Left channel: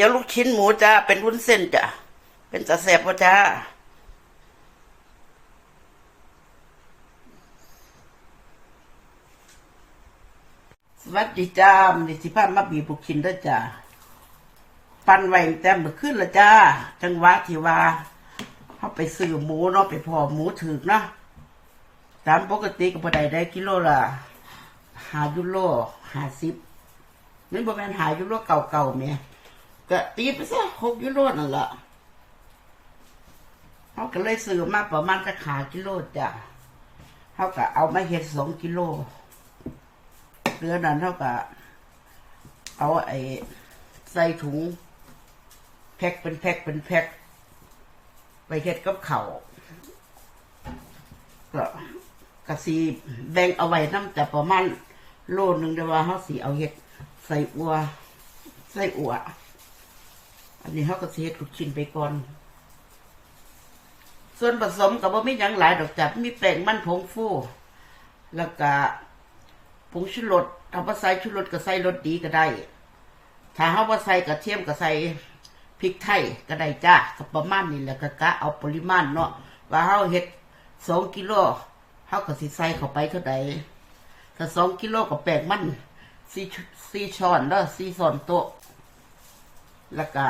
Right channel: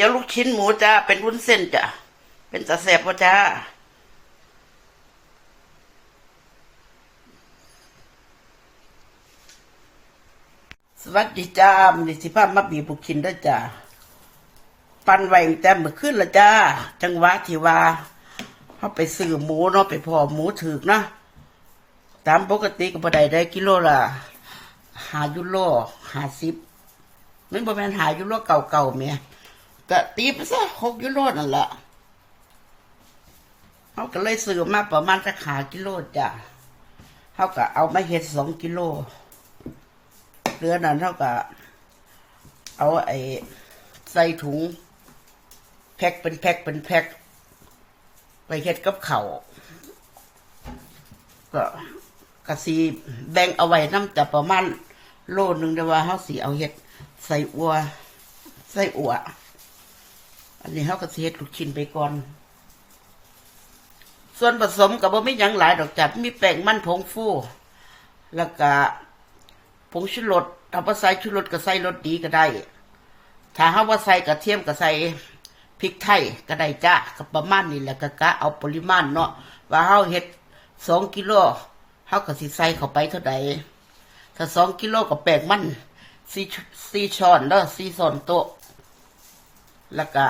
ตี๋ยวลูกชิ้นหมูจ้า เป็นวุ้นเส้นจ้ะ เป็นตะแสบพ่จ้า สวัสดีจ้ามีสิภาพมาบีบลูกชิ้นด้จ้าปันไว้แต่เมื่อคืนละจ้า จังหวะที่ว่าเขาไปซื้อหมูเนาะไปพอหมูถือกนะตามปกติก็บ่ได้ได้กิโลละหายุโรหาสิบมันบ่แม่นหายุโรเก่าๆแหม่ ก็ตีไปซะหกยุโรนั่นแหละเขาก็เลยซื้อมาประมาณสักหากิโลจ้ะเขาก็เอามาเฮ็ดสองกิโลเหลือนั้นเขาก็เอาไอ้ใส่ถุง แพ็คเป็นแพ็คเป็นแพ็คไปเฮ็ดกับเขาก็กะสีแบ่งเอาไว้น้ำแต่ประมาณโลนึงแต่ว่าเขาสีเอาเฮ็ดใส่อัวใส่อัว อันนี้เขาก็สิเฮ็ดลูกชิ้นไปก่อน ส่วนผสมกับบ่มีหยังหลายดอกจับมีแป้งมันผงฟู แล้วก็ผงชูรสถ้าบ่ใส่ชูรสก็ใส่รสดีก็ได้ ถ้าเฮาว่าใส่กระเทียมก็ใส่พริกไทยก็ได้จ้าก็ประมาณนี้แหละก็กะเอาปริมาณเนาะว่าเฮาเฮ็ดสองกิโลเฮาก็สิใส่เข้าไปเท่าใดถ้าสองกิโลก็แป้งมันสี่สี่ช้อนเด้อสี่ช้อนโต๊ะ แล้วก็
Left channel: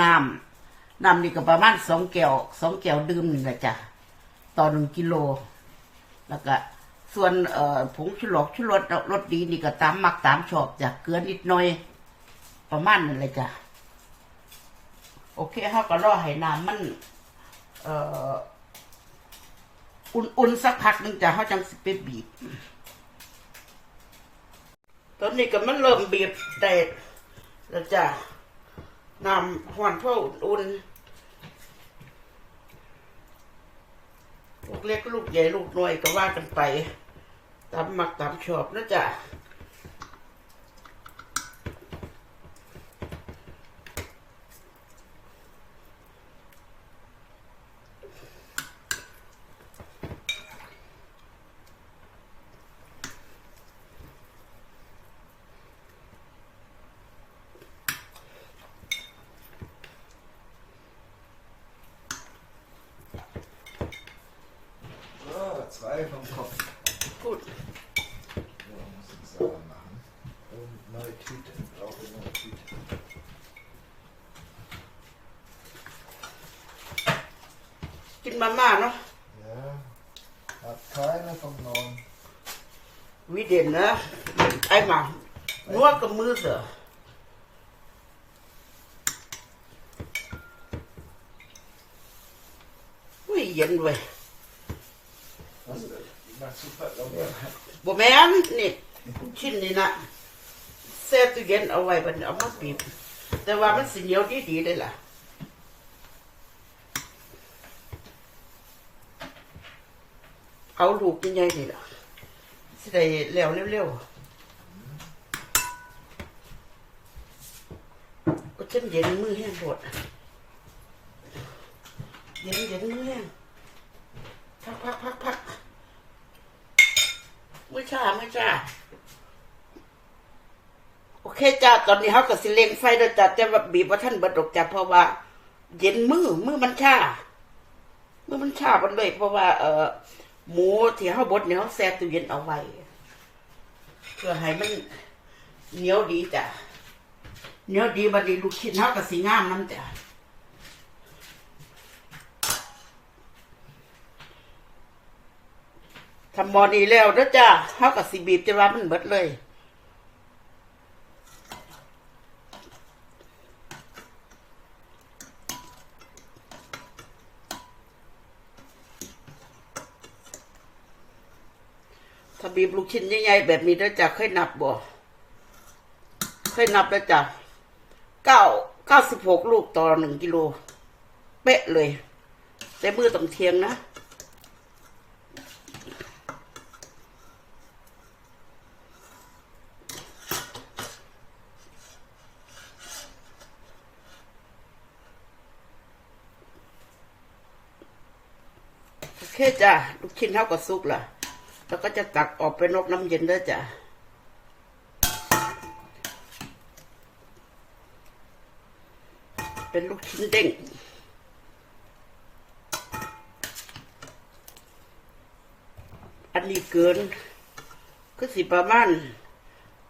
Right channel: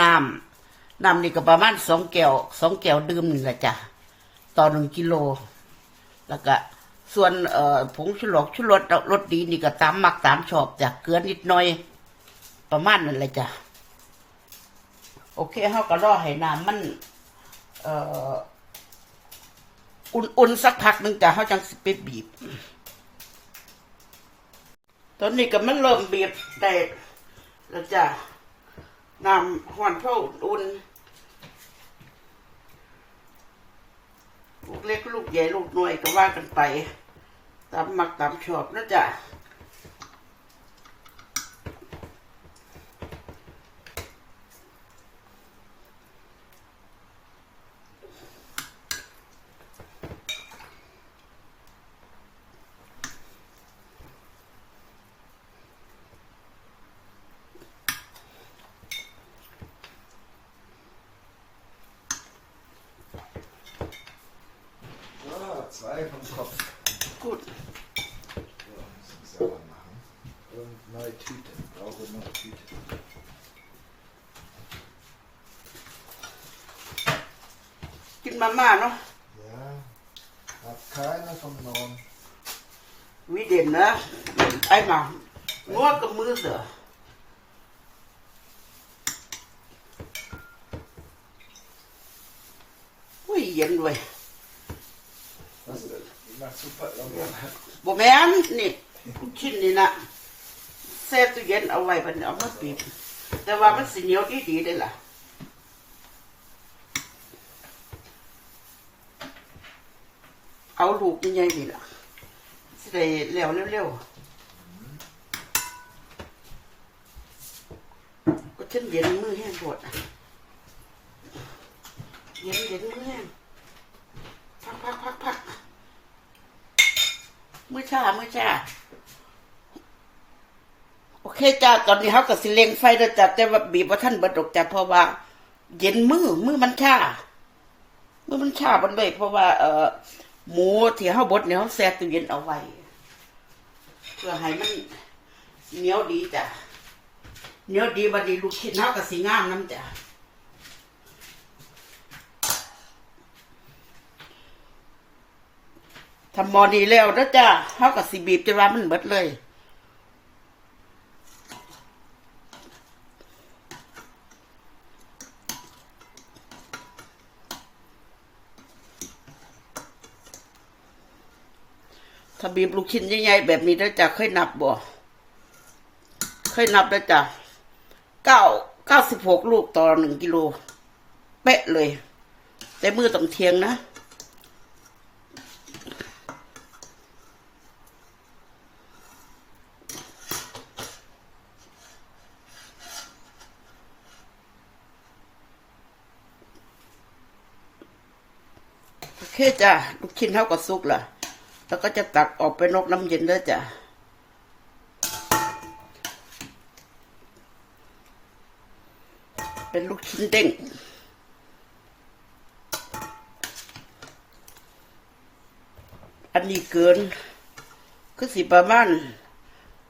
น้ำน้ำนี่ก็ประมาณสองแก้วสองแก้วดื่มนี่แหละจ้ะต่อหนึ่งกิโล แล้วก็ส่วนเอ่อผงชูรสชูรสรสดีนี่ก็ตามมักตามชอบจ้ะเกลือนิดหน่อย ประมาณนั้นเลยจ้ะโอเคเขาก็รอให้น้ำมัน เอ่ออุ่นๆสักพักหนึ่งจ้ะเขาจังสิไปบีบตอนนี้ก็มันเริ่มบีบได้แล้วจ้ะ น้ำหอนพ่ออุ่นลูกเล็กลูกใหญ่ลูกน้อยก็ว่ากันไปตามมักตามชอบนะจ๊ะ So, zwei vom Kopf. Gut. So, muss ich selber machen. Und neue Tüte. Ich brauche eine neue Tüte. กินมาม่าเนาะ Ja. Hat keiner vom Neuen. วิเด่นนะไอ้หมานัวกั บมือเสือนเว้ย Was? Du machst super locker. บแมนนี่ชิ้นนี่นะเซฟตู้เย็นเอาไว้บัดนเอามาปิดแต่ว่ามันสิเหนียวดีดีๆเลยล่ะเอาลูกยังไงนี่ล่ะสิได้แล้วเร็วๆก็เช่นเย็นมือแห้งปวดเย็นเย็นมือแห้งพักพักพักพัก มือชามือชาโอเคจ้าตอนนี้เขาก็สิเลงไฟแล้วจ้ะแต่ว่าบีบว่าท่านบดกจ้ะเพราะว่า เย็นมือมือมันชามือมันชาบันเลยเพราะว่า เอ่อหมูที่เขาบดเนี่ยเขาแช่ตู้เย็นเอาไว้เพื่อให้มันเหนียวดีจ้ะเหนียวดีบัดนี้ลูกชิ้นเขาก็สีงามน้ำจ้ะ ทำหมอดีแล้วนะจ้ะเขาก็สีบีบจะว่ามันเบิดเลยถ้าบีบลูกชิ้นใหญ่ๆแบบนี้แล้วจะเคยนับบ่เคยนับแล้วจ้ะเก้าเก้าสิบหกลูกต่อหนึ่งกิโลเป๊ะเลย แต่มือต้องเทียงนะ จ้ะลูกชิ้นเท่ากับซุกล่ะ แล้วก็จะตักออกไปนอกน้ำเย็นด้วยจ้ะเป็นลูกชิ้นเด้งอันนี้เกินก็สิประมาณ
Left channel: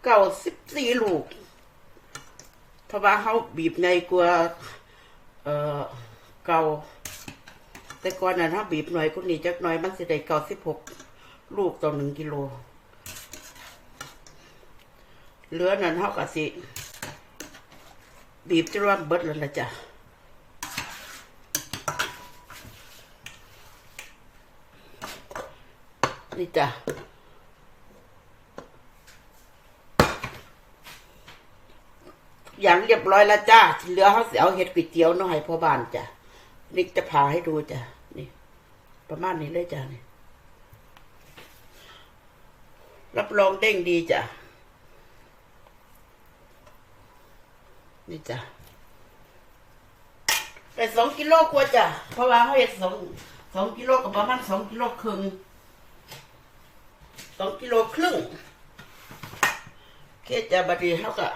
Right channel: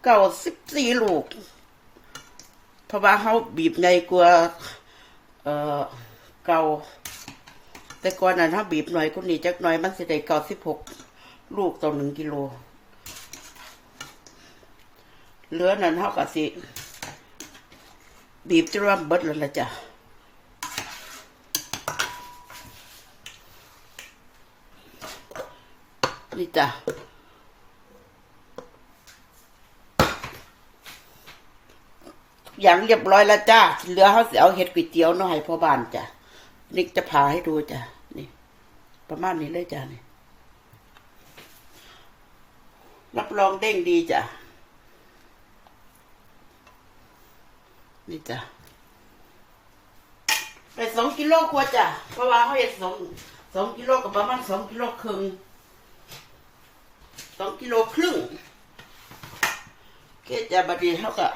เก้าสิบสี่ลูก เพราะว่าเขาบีบใหญ่กว่าเอ่อเก่า แต่ก่อนนั้นเขาบีบหน่อยก็นี่จักหน่อยมันสิได้เก้าสิบหกลูกต่อหนึ่งกิโลเหลือนั้นเขาก็สิ บีบจนว่าเบิดแล้วละจ้ะนี่จ้ะอย่างเรียบร้อยแล้วจ้าเหลือเขาสิเอาเห็ดก๋วยเตี๋ยวน้อยพ่อบ้านจ้ะนี่จะพาให้ดูจ้ะ ประมาณนี้เลยจ้ะนี่รับรองเด้งดีจ้ะ นี่จ้ะไปสองกิโลกว่าจ้ะ เพราะว่าเขาเห็ดสองสองกิโลกับประมาณสองกิโลครึ่งสองกิโลครึ่งเคจ้ะบัดนี้เขาก็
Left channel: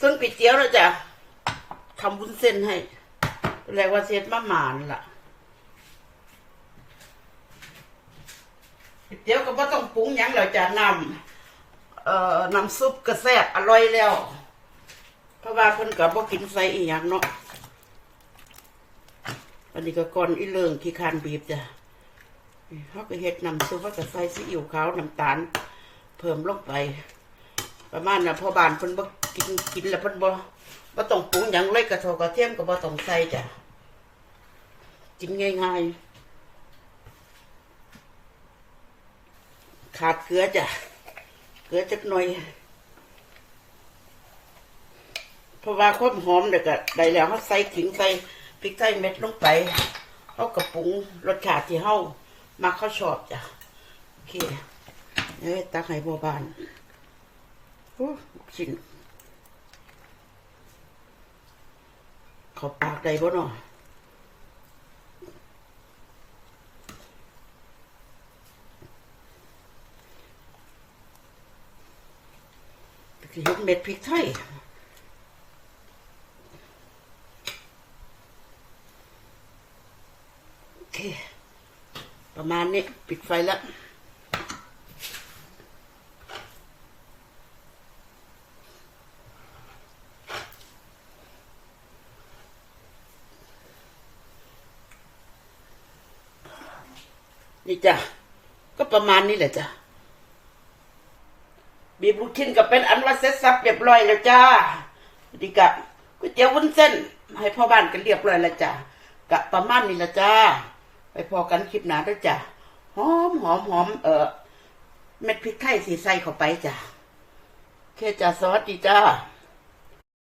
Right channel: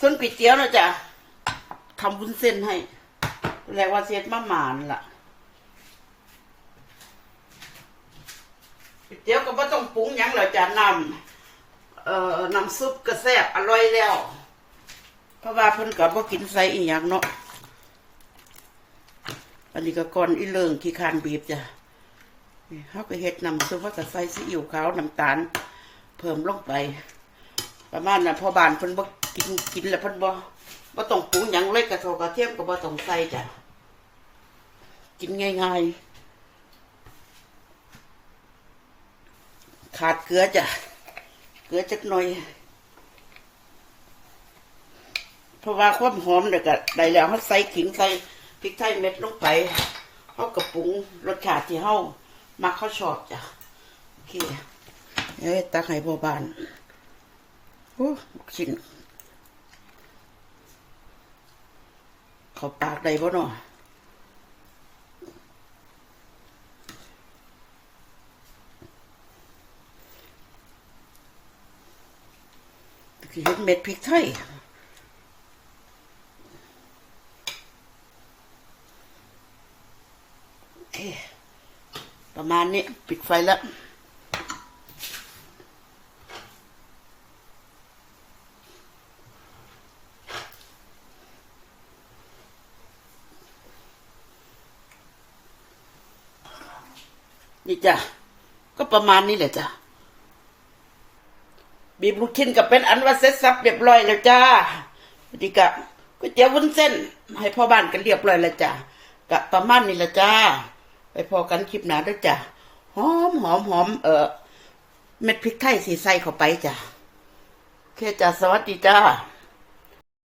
ส่วนก๋วยเตี๋ยวนะจ้ะทำวุ้นเส้นให้ แรกว่าเซ็ตมาหมานล่ะก๋วย เตี๋ยวก็ไม่ต้องปรุงหยังแล้วจ้ะน้ำเอ่อน้ำซุปก็แซ่บอร่อยแล้ว เพราะว่าเพิ่นก็บ่กินใส่อีหยังเนาะอันนี้ก็ก่อนอีเลิงที่คานบีบจ้ะนี่เขาก็เฮ็ดน้ำซุปเขาก็ใส่ซีอิ๊วขาวน้ำตาล เพิ่มลงไป ประมาณน่ะพอบานเพิ่นบ่กินกินแล้วเพิ่นบ่บ่ต้องปรุงหยังเลยกระโทกระเทียมก็บ่ต้องใส่จ้ะกินง่ายๆ ขาดเกลือจ้ะ เกลือจักหน่อย เพราะว่าความหอมเด็กอะได้แล้วเขาใส่ขิงใส่พริกไทยเม็ดลงไปเขากระปรุงรสชาติที่เขามาเขาชอบจ้ะ โอเคเอ้ยตักให้พ่อบานโอ้ชิ้นเขาปากได้บ่เนาะ คือเห็นเม็ดพริกไทยโอเค ประมาณนี้ ปิดไฟแล้วนี่จ้ะ ก็ประมาณนี้แหละจ้ะ บีบลูกชิ้นก็เป็นอันว่าเสร็จสับเรียบร้อยแล้วจ้าดีกับก๋วยเตี๋ยววุ้นเส้น ให้พ่อบ้านกันเรียบร้อยแล้วจ้ากะประมาณนี้ละจ้า ไปพอกันคลิปหนาด้วยจ้าหอมหอมหอมเออเม็ดพริกไทยสีใส่เข้าไปจ้ะโอเคจ้าสวัสดีจ้า